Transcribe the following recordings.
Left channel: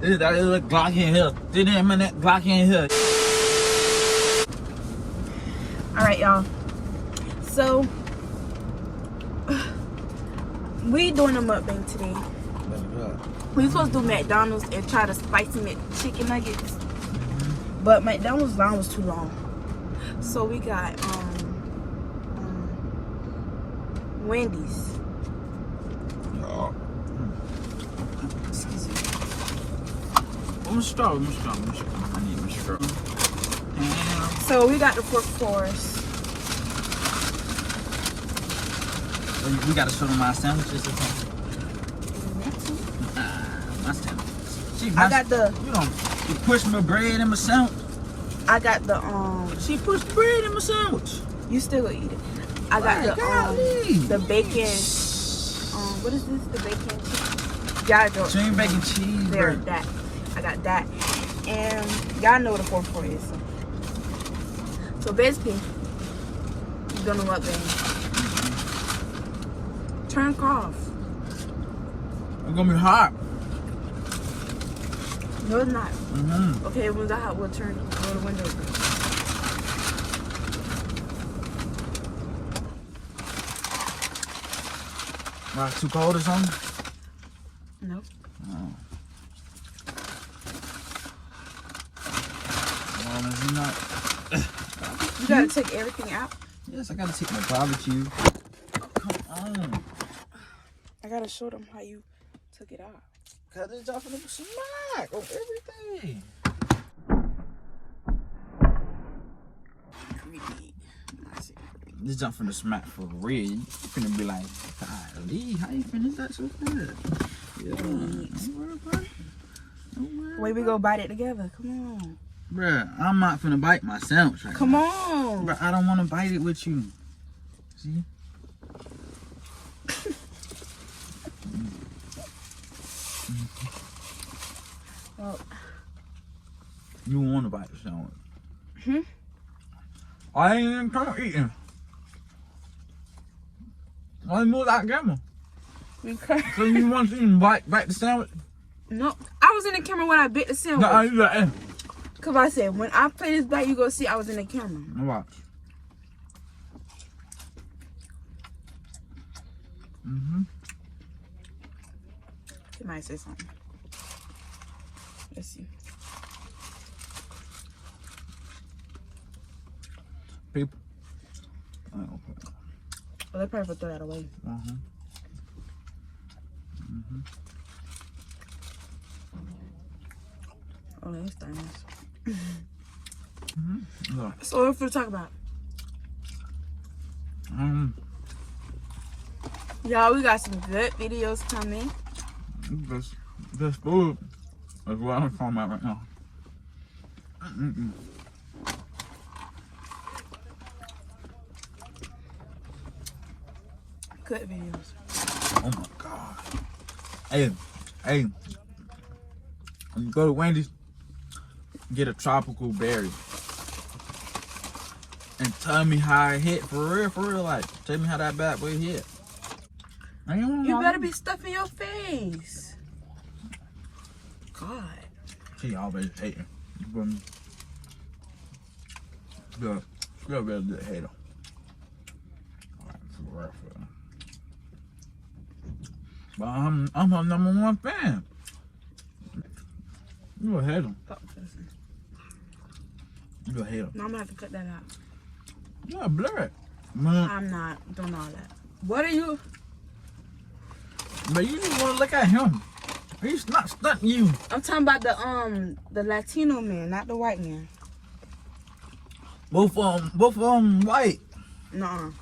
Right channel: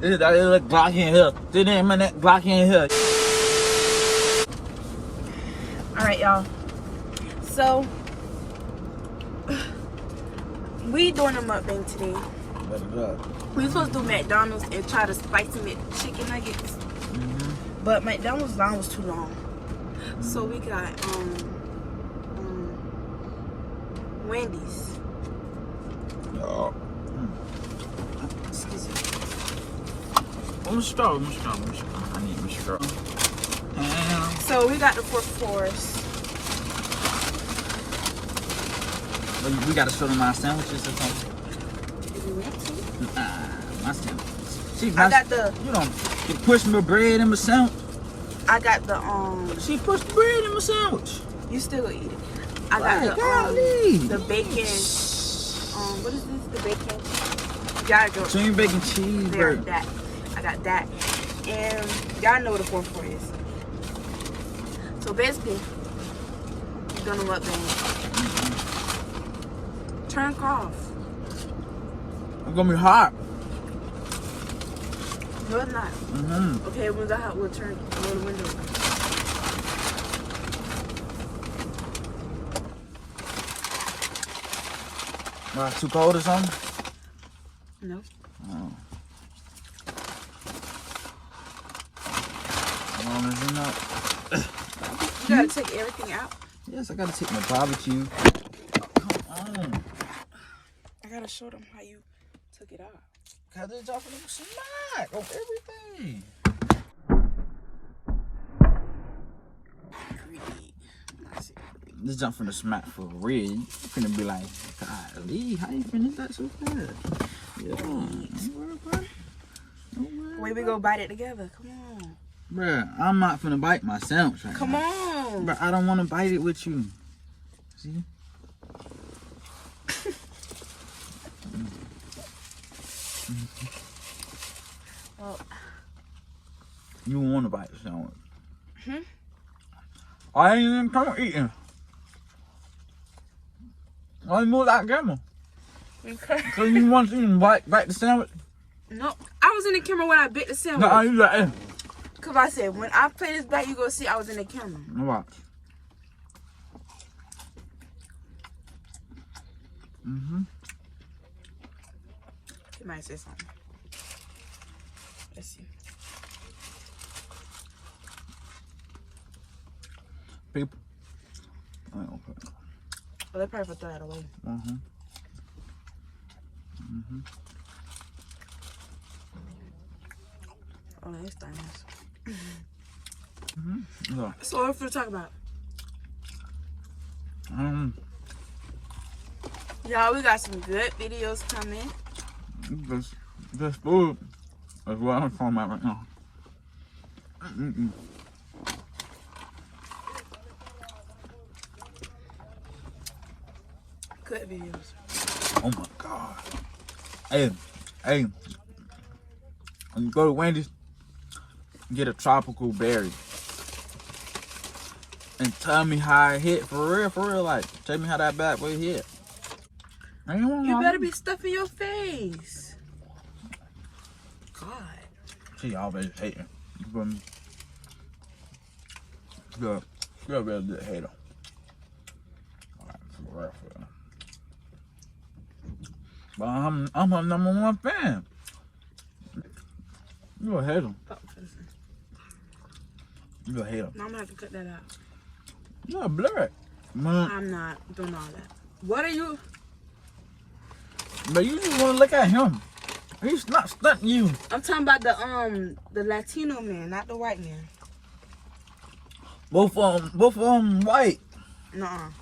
That little Glock in here. They didn't mean that Glock in here. Alright, y'all. So, we doing a mukbang today. We supposed to do McDonald's and try to spicy chicken nuggets. But McDonald's line was too long. So we got Wendy's. Excuse me. I'm straw. I need a straw. So we got the pork course. We gotta show them our sandwiches or something. If you want to. My sandwiches. See, I got the. You push my bread in my sandwich. I got the She pushed bread in my sandwich. You still gonna eat it. I got the bacon. What is this? The bacon cheese. Y'all go. Cream bacon cheese. There, that. I got that. And y'all know what the 4-4 is. So basically, you're gonna what then? Turn off. It's gonna be hot. No, it's not. Okay, when it's hot, we'll turn the window. Why, too cold or something? No. Oh. Well, is it not? You gotta take everything out. Yes, I gotta take my barbecue. Come on. I gotta show them how you took it out. Cause it's off of the smack of everything. Creepy. This jump from the smack for real. You finna be like, golly, how you finish that so good? Yeah. Wait, we go bite it together. Come on. Bruh, I'm not finna bite my sandwich right Come now. on. Bruh, I don't wanna bite it with you. See? Well, You don't wanna bite the sandwich. Hmm? I ain't even come eating. I move that camera. okay. So you want to even bite the sandwich? No, I was in the camera when I bit the sandwich. No, you like it. Cause I said when I play this back, you gonna see I was in the camera. Watch. He might say something. Let's see. People. Oh, okay. Well, they probably throw that away. Oh, that's nice. Look. So what are we talk about? Y'all, we got some good videos coming. This food is what I'm talking about right now. Good videos. Oh my God. Hey, when you go to Wendy's, get a tropical berry. And tell me how it hit, for real, like, tell me how that bad boy hit. You better be stuffing your face. God. She always hating. You feel me? Good. You're a real good hater. For real. But I'm her #1 fan. You a hater. You a hater. No, I'm gonna have to cut that out. You a blood. I'm not doing all that. What are you? But you just want to look at him. He's not stunting you. I'm talking about the Latino man, not the white man. Both of them white. Nuh-uh.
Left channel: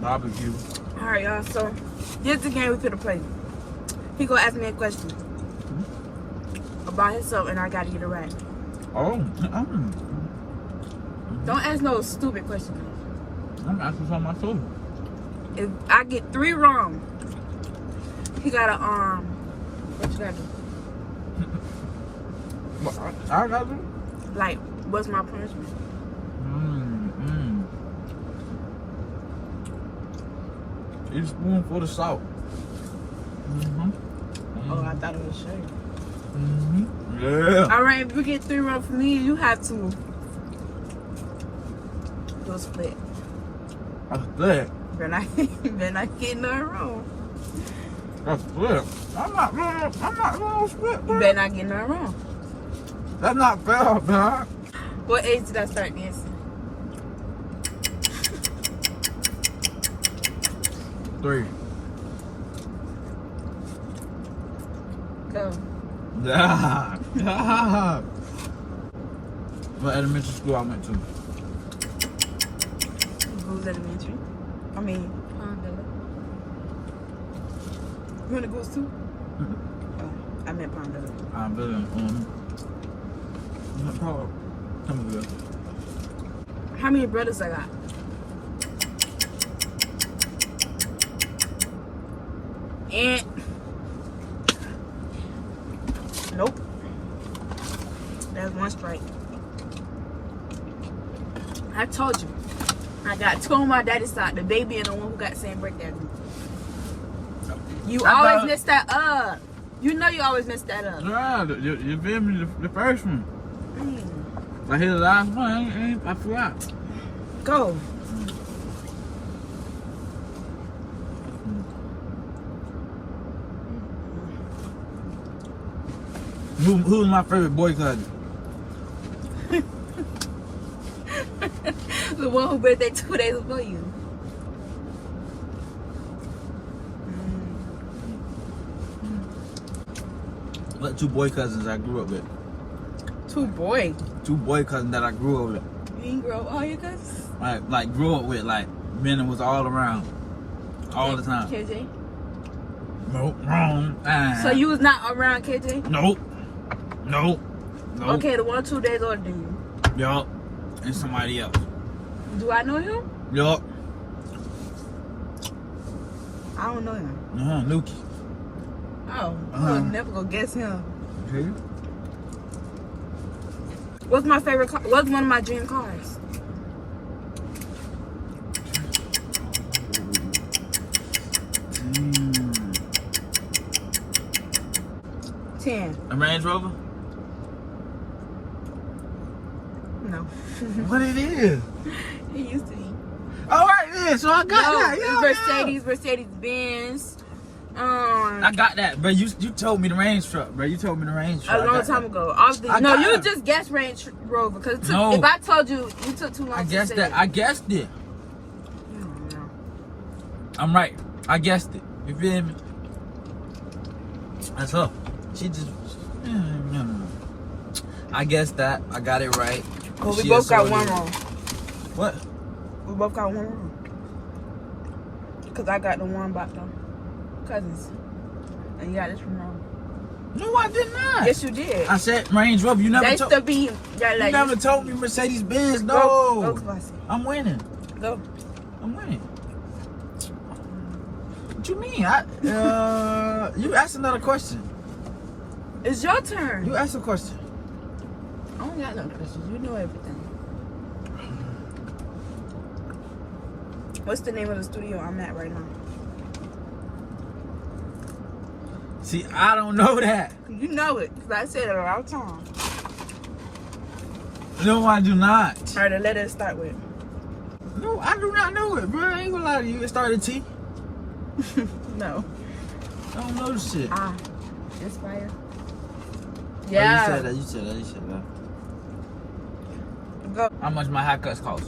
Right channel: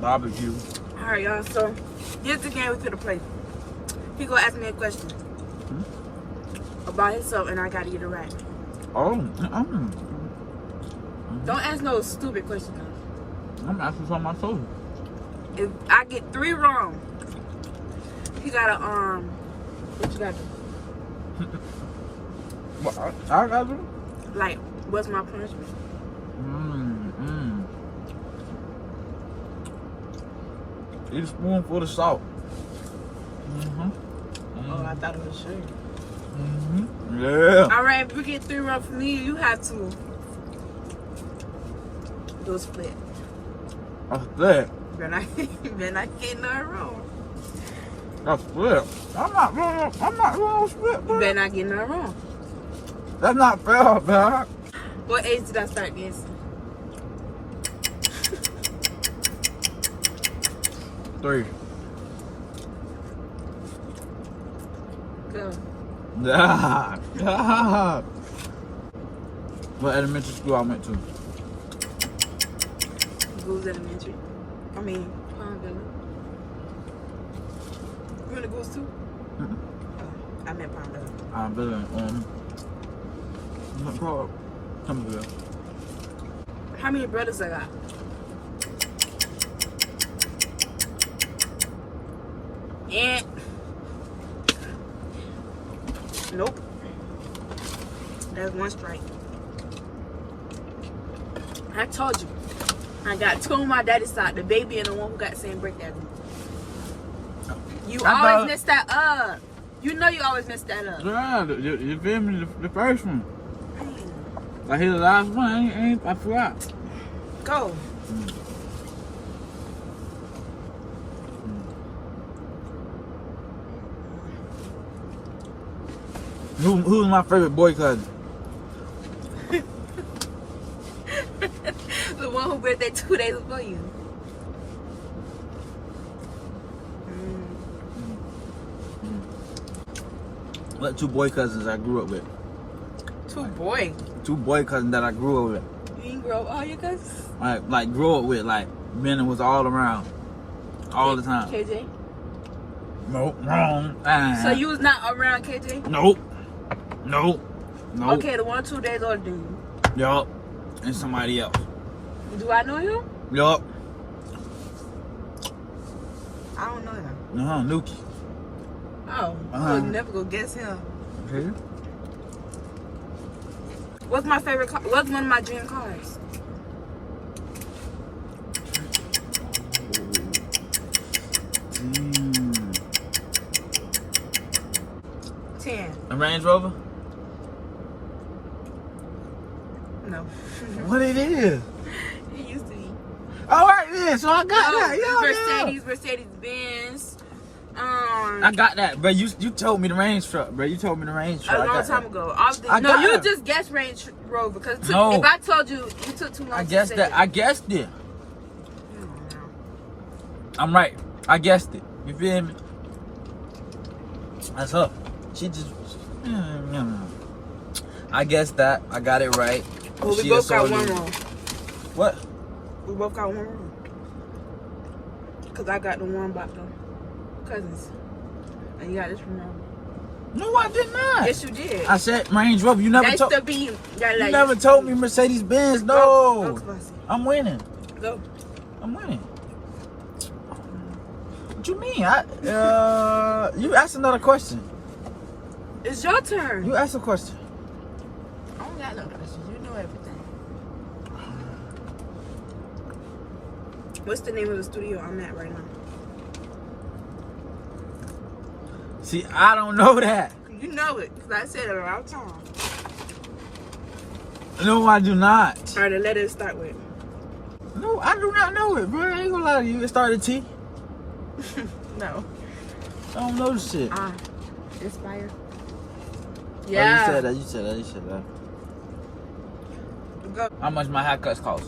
Barbecue. All right, y'all. So here's the game we could have played. He gonna ask me a question about himself, and I gotta get it right. Oh. Don't ask no stupid question now. I'm asking something I told you. If I get 3 wrong, he gotta what you gotta do? What I gotta do? Like, what's my punishment? Eat a spoonful of salt. Oh, I thought it was sugar. Yeah. All right, if you get 3 wrong for me, you have to do a split. A split? Better not get none wrong. A split? I'm not real split, You bro. better not get none wrong. That's not fair, man. What age did I start dancing? 3. Go. Yeah. Yeah. What elementary school I went to? Goose Elementary. I mean, Palm Villa. You went to Goose too? I meant Palm Villa. I'm building what part? Somerville. How many brothers I got? And nope. That's 1 strike. I told you. I got 2 on my daddy's side, the baby and the one who got the same birthday as me. You always mess that up. You know you always mess that up. Yeah, you feel me? The first one. I hear the last one. I forgot. Go. Who's my favorite boy cousin? The one who birthday 2 days before you. What 2 boy cousins I grew up with? 2 boys. 2 boy cousins that I grew up with. You didn't grow up all your cousins? Like grew up with, like men that was all around, all the time. KJ? Nope, wrong. So you was not around KJ? Nope. Okay, the one 2 days older than you. Yup. And somebody else. Do I know him? Yup. I don't know him. Nuki. Oh, I would never go guess him. Okay. What's my favorite car? What's one of my dream cars? Mm. 10. A Range Rover? No. What it is? It used to be. All right then, so I got that. It's Mercedes Benz. I got that, bro. You told me the Range truck, bro. You told me the Range truck. A long time ago. No, you just guessed Range Rover because if I told you, you took too long. I guessed that. I guessed it. I'm right. I guessed it. You feel me? That's her. She just. I guessed that. I got it right. Well, we both got one wrong. What? We both got one wrong. Because I got the one about the cousins. And you got this one wrong. No, I did not. Yes, you did. I said Range Rover. You never told me. You Never told me Mercedes Benz. No. Go, I'm winning. Go. I'm winning. What you mean? You asked another question. It's your turn. You asked a question. I don't got no questions. You know everything. What's the name of the studio I'm at right now? See, I don't know that. You know it, because I said it all the time. No, I do not. All right, the letter to start with. No, I do not know it, bro. I ain't gonna lie to you. It started T. No. I don't know this shit. Inspire. Yeah. Oh, you said that. Go. How much my haircuts cost?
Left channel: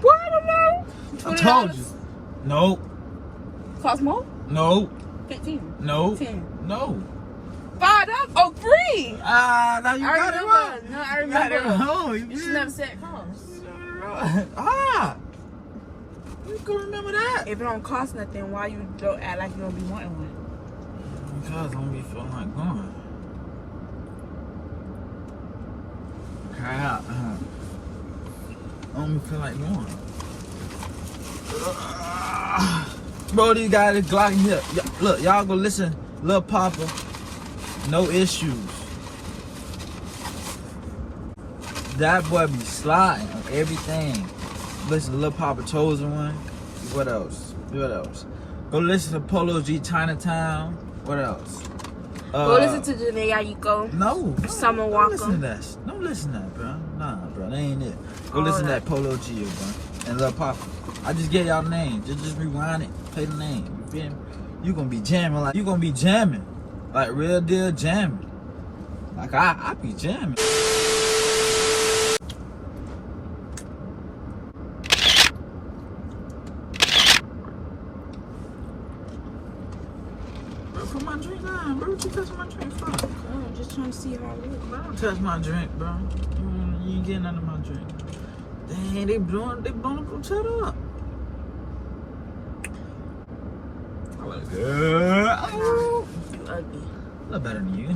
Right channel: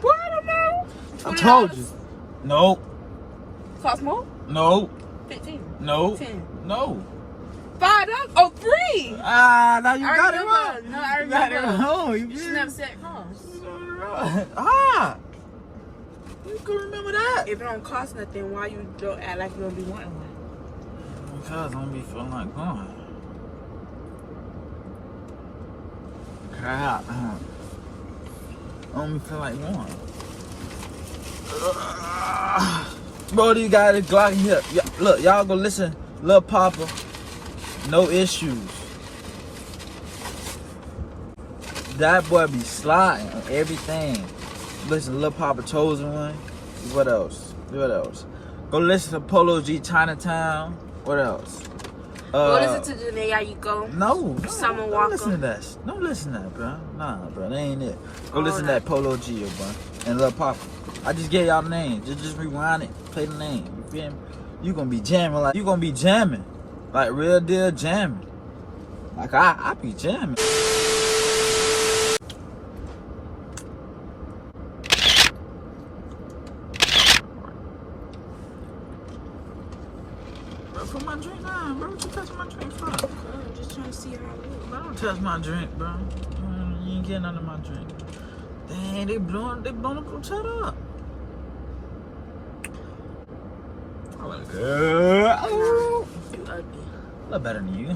Well, I don't know. $20. I told you. No. Cost more? No. 15. No. 10. No. $5. Oh, 3. Now you got it remember. wrong. No, I remember. You should never said cost. You can remember that. If it don't cost nothing, why you don't act like you don't be wanting one? Because I don't be feeling like going. Crap. I don't be feeling like going. Bro, these guys is glocking here. Look, y'all go listen. Lil Papa, no issue. That boy be sliding on everything. Listen, Lil Papa Chosen One. What else? Go listen to Polo G Chinatown. What else? Go listen to Janae Ayuko. No. Summer Walker. Don't listen to that, bro. Nah, bro. That ain't it. Go listen to that Polo G, bro. And Lil Papa. I just gave y'all the name. Just rewind it. Play the name. You feel me? You gonna be jamming. Like real deal jamming. Like I be jamming. Bro, put my drink down, bro. What you touching my drink for? I'm just trying to see how it looks. Bro, don't touch my drink, bro. You ain't getting under my drink. Dang, they blowing, shut up. I look good. Nah, you ugly. I look better than you.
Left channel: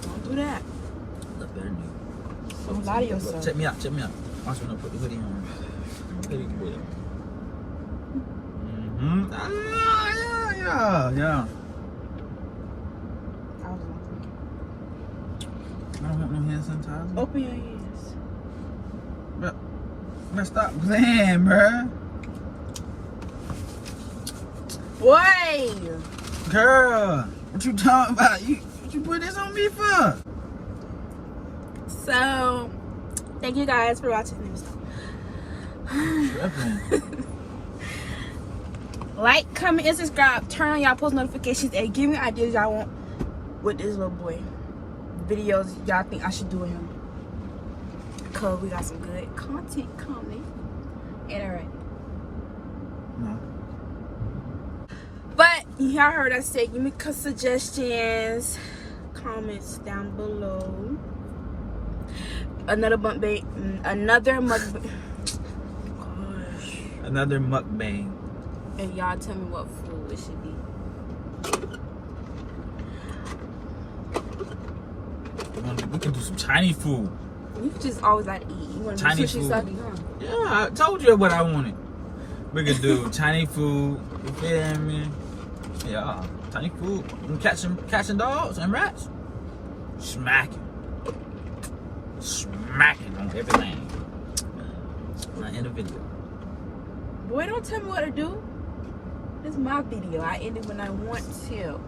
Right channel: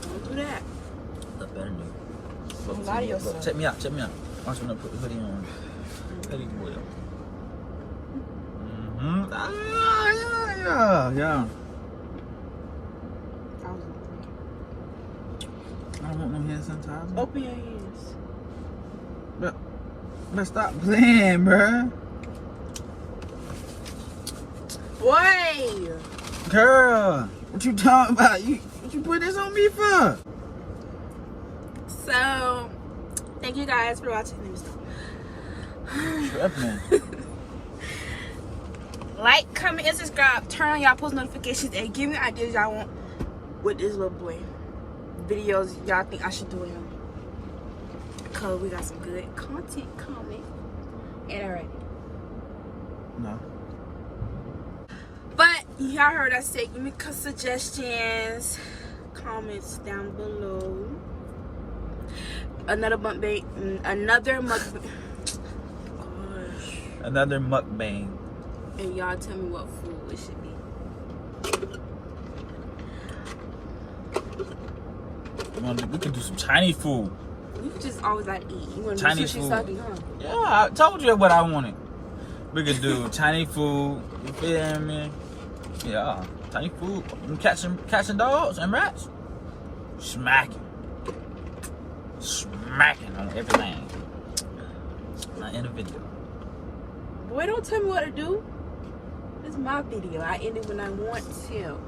Don't do that. I look better than you. Don't lie to yourself. Check me out. Watch me put the hoodie on. Hoodie boy. Yeah. I was looking. I don't want no hand sanitizer. Open your ears. But stop playing, bruh. Boy! Girl, what you talking about? What you put this on me for? So, thank you guys for watching this. Like, comment, and subscribe. Turn on y'all post notifications and give me ideas y'all want with this little boy. Videos y'all think I should do with him. Because we got some good content coming. And already. No. But y'all heard us say, give me suggestions, comments down below. Another mukbang. Gosh. Another mukbang. And y'all tell me what food it should be. We can do some Chinese food. You just always like to eat. You want to do Chinese sushi food. sake, huh? Yeah, I told you what I wanted. We could do Chinese food. You feel me? Yeah, Chinese food. Catching dogs and rats. Smacking on everything. Not in the video. Boy, don't tell me what to do. This is my video. I end it when I want to.